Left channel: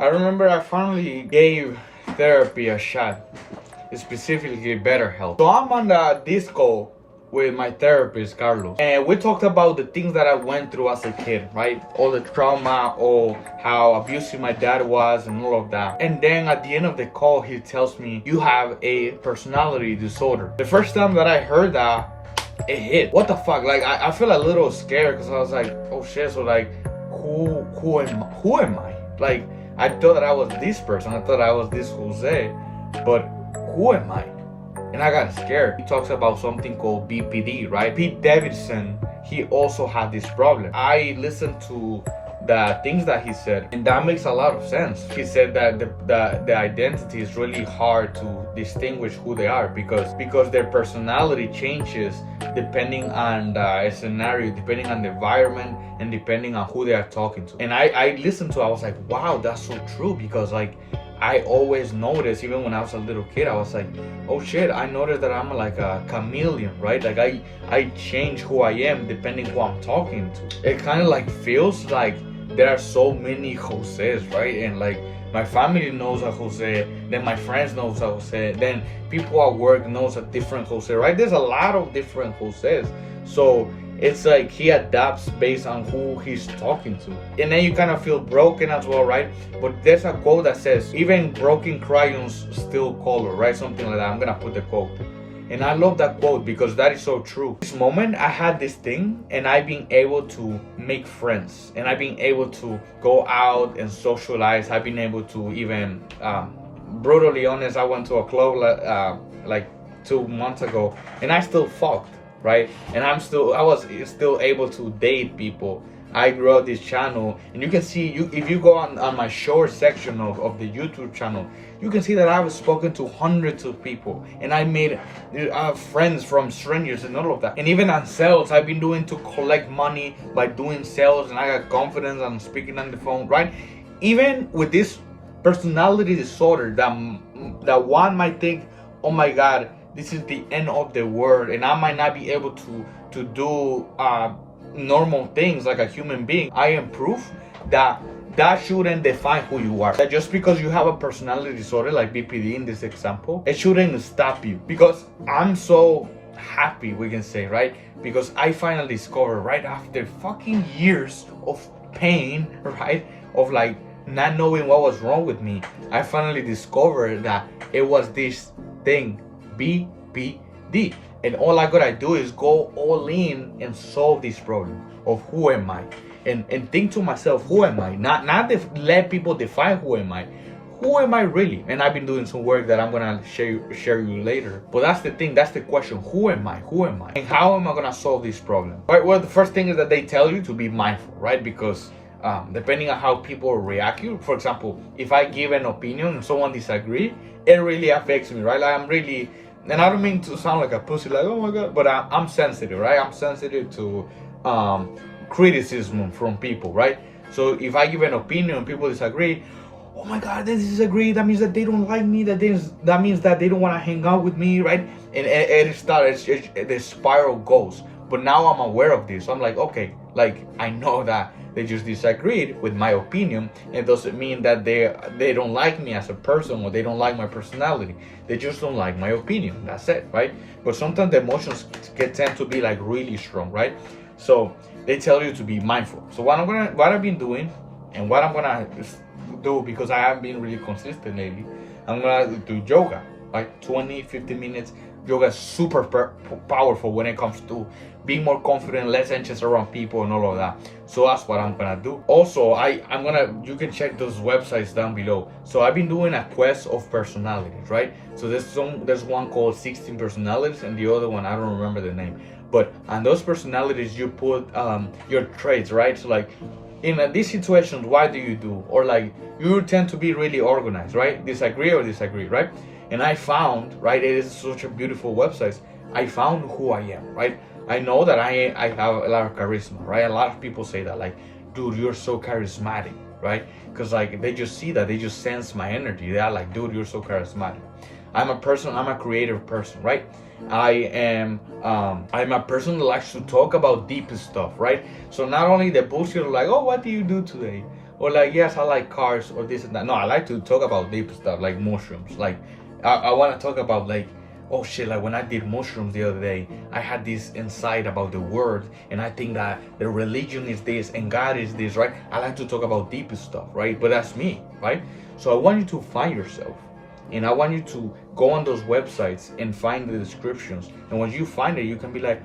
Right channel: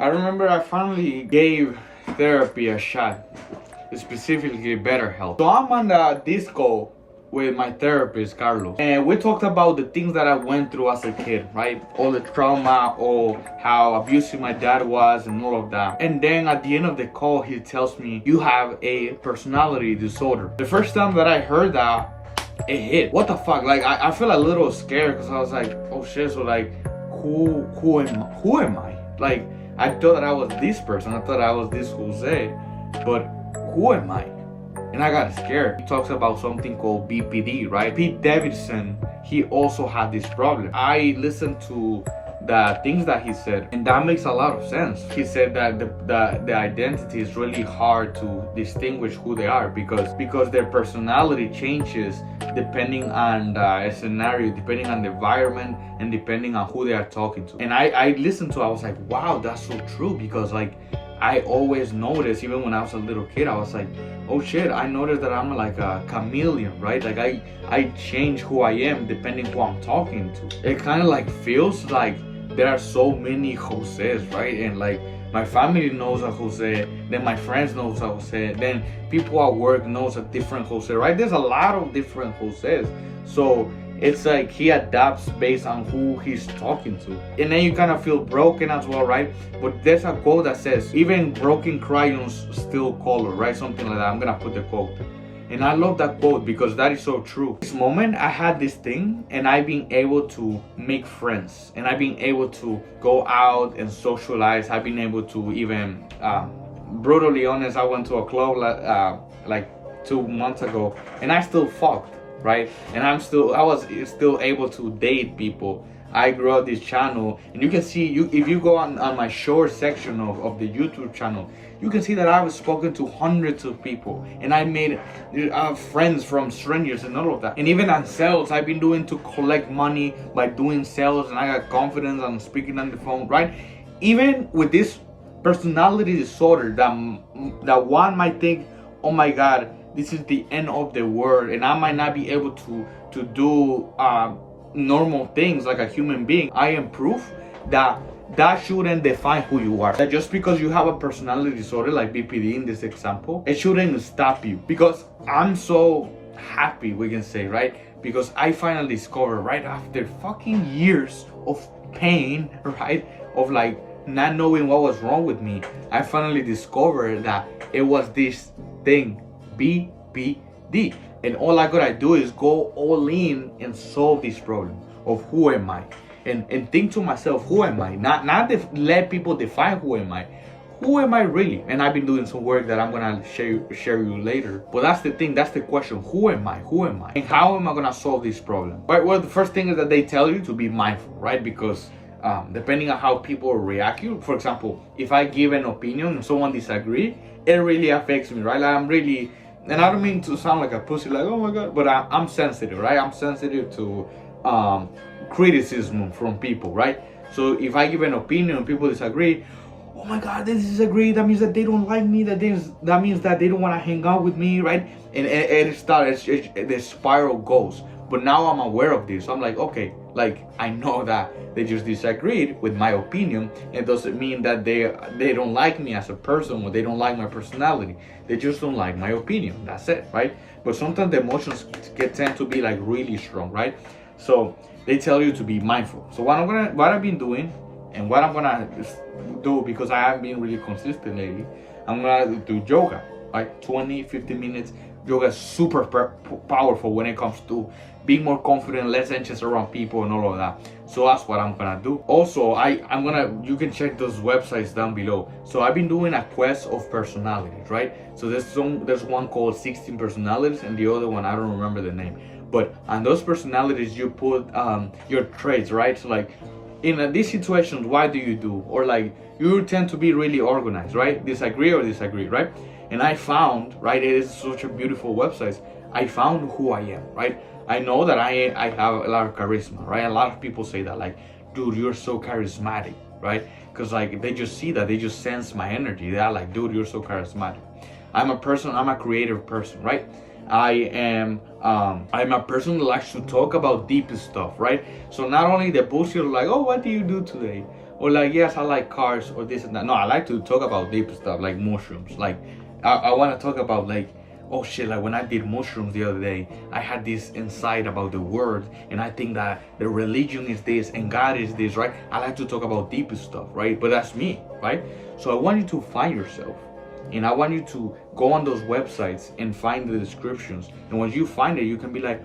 I remember I finally gave therapy a shot, specifically BetterHelp. So I'm on the disco with my therapist, Carlos, and we talked about the things that I went through as a kid, right? All the trauma, all how abusive my dad was, and all of that. And then at the end of the call, he tells me, "You have a personality disorder." The first time that I heard that, it hit. What the fuck? Like I feel a little scared because I was like, oh shit. So like, who am I? Like I thought that I was this person. I thought I was this Jose, but who am I? And I got scared. He talks about something called BPD, right? Pete Davidson, he also had this problem. I listened to the things that he said, and that makes a lot of sense. He said that the identity is really hard to distinguish who they are because their personality changes depending on the scenario, depending on the environment, and depending on who they are talking to. And I listened to it, I was like, wow, that's so true, because like I always noticed, even when I was a little kid, I was like, oh shit, I noticed that I'm like a chameleon, right? Like I change who I am depending who I'm talking to. It kind of like feels like there are so many Joses, right? And like my family knows a Jose, then my friends knows a Jose, then people at work knows a different Jose, right? There's a lot of different Joses. So it's like he adapts based on who he's talking to. And then you kind of feel broken as well, right? But there's a quote that says, even broken crayons still color, right? Something like that. I'm gonna put the quote. And I love that quote because that is so true. This moment I had this thing, and I've been able to make friends, and I've been able to go out and socialize. I've been able to even, brutally honest, I went to a club like 2 months ago, and I still fucked, right? And I was still able to date people. I grew up this channel, and you can see, if you go on my short section of the YouTube channel, you can see that I've spoken to hundreds of people, and I made friends from strangers and all of that. And even on sales, I've been doing to collect money by doing sales, and I got confidence on speaking on the phone, right? Even with this personality disorder, that one might think, oh my God, this is the end of the world, and I might not be able to do normal things like a human being. I am proof that shouldn't define who you are. That just because you have a personality disorder like BPD in this example, it shouldn't stop you. Because I'm so happy, we can say, right? Because I finally discovered, right after fucking years of pain, right, of like not knowing what was wrong with me, I finally discovered that it was this thing, BPD. And all I gotta do is go all in and solve this problem of who am I, and think to myself, who am I? Not let people define who am I. Who am I really? And I've been doing some work that I'm gonna share you later. But that's the thing, that's the question. Who am I? Who am I? And how am I gonna solve this problem? Right. Well, the first thing is that they tell you to be mindful, right? Because depending on how people react you, for example, if I give an opinion and someone disagree, it really affects me, right? Like I'm really, and I don't mean to sound like a pussy, like, oh my God, but I'm sensitive, right? I'm sensitive to criticism from people, right? So if I give an opinion and people disagree, oh my God, they disagree, that means that they don't like me, that means that they don't want to hang out with me, right? And it starts, the spiral goes. But now I'm aware of this, so I'm like, okay, like I know that they just disagreed with my opinion. It doesn't mean that they don't like me as a person, or they don't like my personality. They just don't like my opinion. That's it, right? But sometimes the emotions tend to be like really strong, right? So they tell you to be mindful. So what I've been doing, and what I'm gonna do, because I haven't been really consistent lately, I'm gonna do yoga, like 20-50 minutes. Yoga is super powerful when it comes to being more confident, less anxious around people, and all of that. So that's what I'm gonna do. Also, you can check those websites down below. So I've been doing a quest of personalities, right? So there's one called 16 personalities, and the other one, I don't remember the name. But on those personalities, you put your traits, right? So like, in these situations, what do you do? Or like, you tend to be really organized, right? Disagree, right? And I found, right, it is such a beautiful website. I found who I am, right? I know that I have a lot of charisma, right? A lot of people say that, like, dude, you're so charismatic, right? Because like they just see that, they just sense my energy. They're like, dude, you're so charismatic. I'm a creative person, right? I'm a person that likes to talk about deep stuff, right? So not only the bullshit of like, oh, what do you do today? or like, yes, I like cars or this and that. No, I like to talk about deep stuff like mushrooms. Like I want to talk about like, oh shit, like when I did mushrooms the other day, I had this insight about the word, and I think that the religion is this and God is this, right? I like to talk about deep stuff, right? But that's me, right? So I want you to find yourself, and I want you to go on those websites and find the descriptions. And once you find it, you can be like,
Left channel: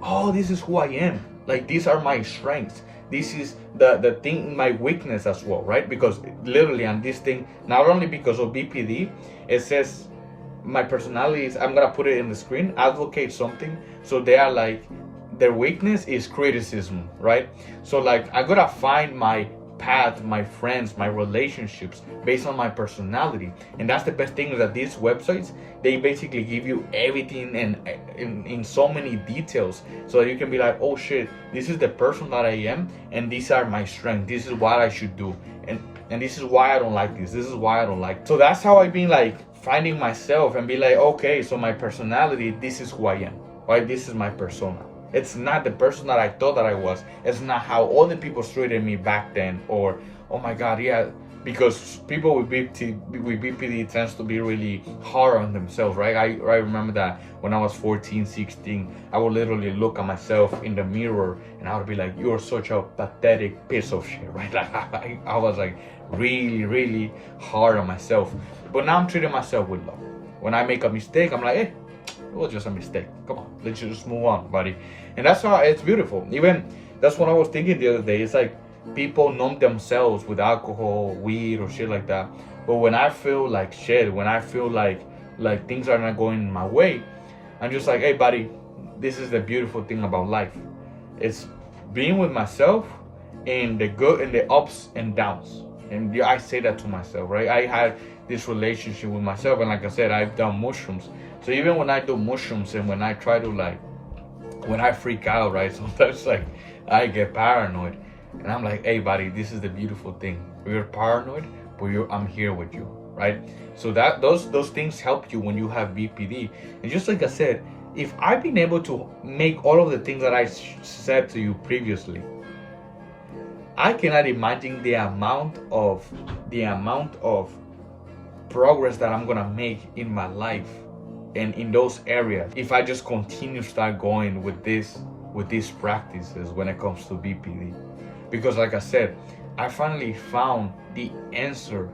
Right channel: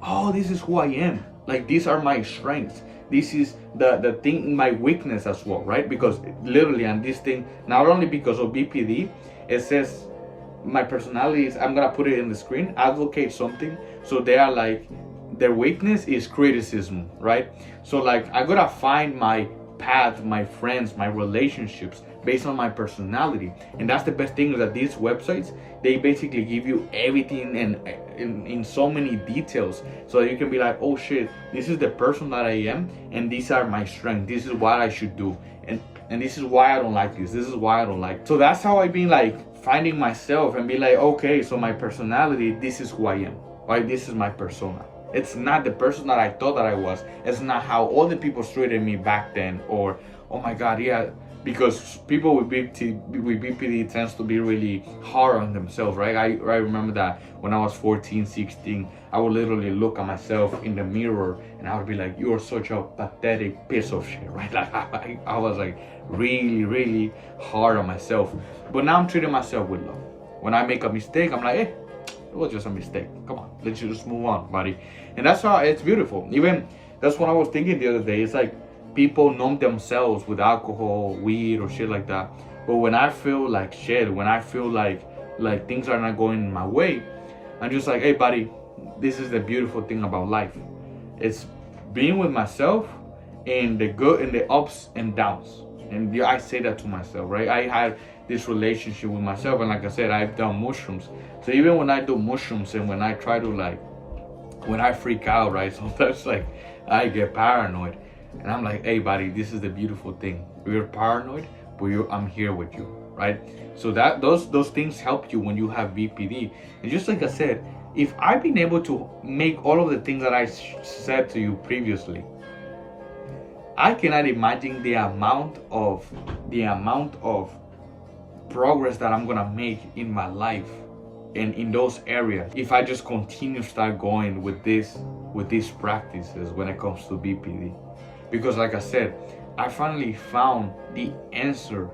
oh, this is who I am. Like, these are my strengths. This is the thing, my weakness as well, right? Because literally on this thing, not only because of BPD, it says my personality is, I'm gonna put it in the screen, advocate something. So they are like, their weakness is criticism, right? So like, I gotta find my path, my friends, my relationships based on my personality. And that's the best thing, is that these websites, they basically give you everything and in so many details, so that you can be like, oh shit, this is the person that I am, and these are my strengths, this is what I should do, and this is why I don't like this is why I don't like. So that's how I've been like finding myself and be like, okay, so my personality, this is who I am, right? This is my persona. It's not the person that I thought that I was. It's not how all the people treated me back then. Or, oh my God, yeah, because people with BPD tends to be really hard on themselves, right? I remember that when I was 14, 16, I would literally look at myself in the mirror and I would be like, you're such a pathetic piece of shit, right? Like I was like really, really hard on myself. But now I'm treating myself with love. When I make a mistake, I'm like, hey, it was just a mistake. Come on, let's just move on, buddy. And that's how it's beautiful. Even that's what I was thinking the other day. It's like people numb themselves with alcohol, weed, or shit like that. But when I feel like shit, when I feel like things are not going my way, I'm just like, hey, buddy, this is the beautiful thing about life. It's being with myself in the good and the ups and downs. And I say that to myself, right? I had this relationship with myself, and like I said, I've done mushrooms. So even when I do mushrooms and when I try to when I freak out, right? Sometimes like I get paranoid, and I'm like, hey, buddy, this is the beautiful thing. You're paranoid, but I'm here with you, right? So that those things help you when you have BPD. And just like I said, if I've been able to make all of the things that I said to you previously, I cannot imagine the amount of progress that I'm gonna make in my life and in those areas if I just continue to start going with these practices when it comes to BPD. Because like I said, I finally found the answer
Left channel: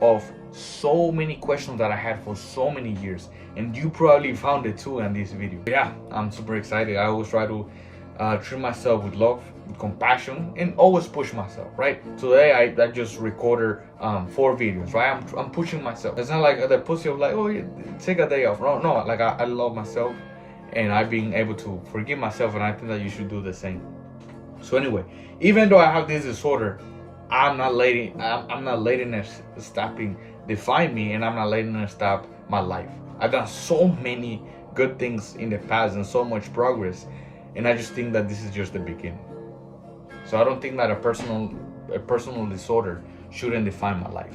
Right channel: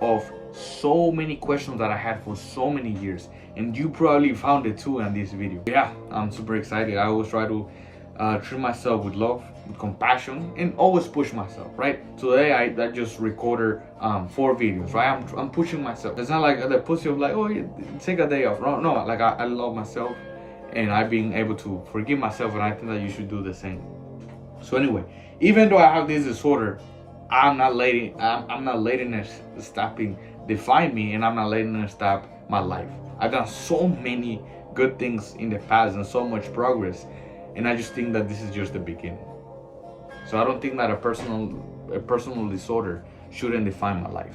of so many questions that I had for so many years, and you probably found it too in this video. Yeah, I'm super excited. I always try to treat myself with love, with compassion, and always push myself, right? Today I just recorded 4 videos, right? I'm pushing myself. It's not like the pussy of like, oh, take a day off. No, like I love myself, and I've been able to forgive myself, and I think that you should do the same. So anyway, even though I have this disorder, I'm not letting it define me, and I'm not letting it stop my life. I've done so many good things in the past and so much progress, and I just think that this is just the beginning. So I don't think that a personal disorder shouldn't define my life.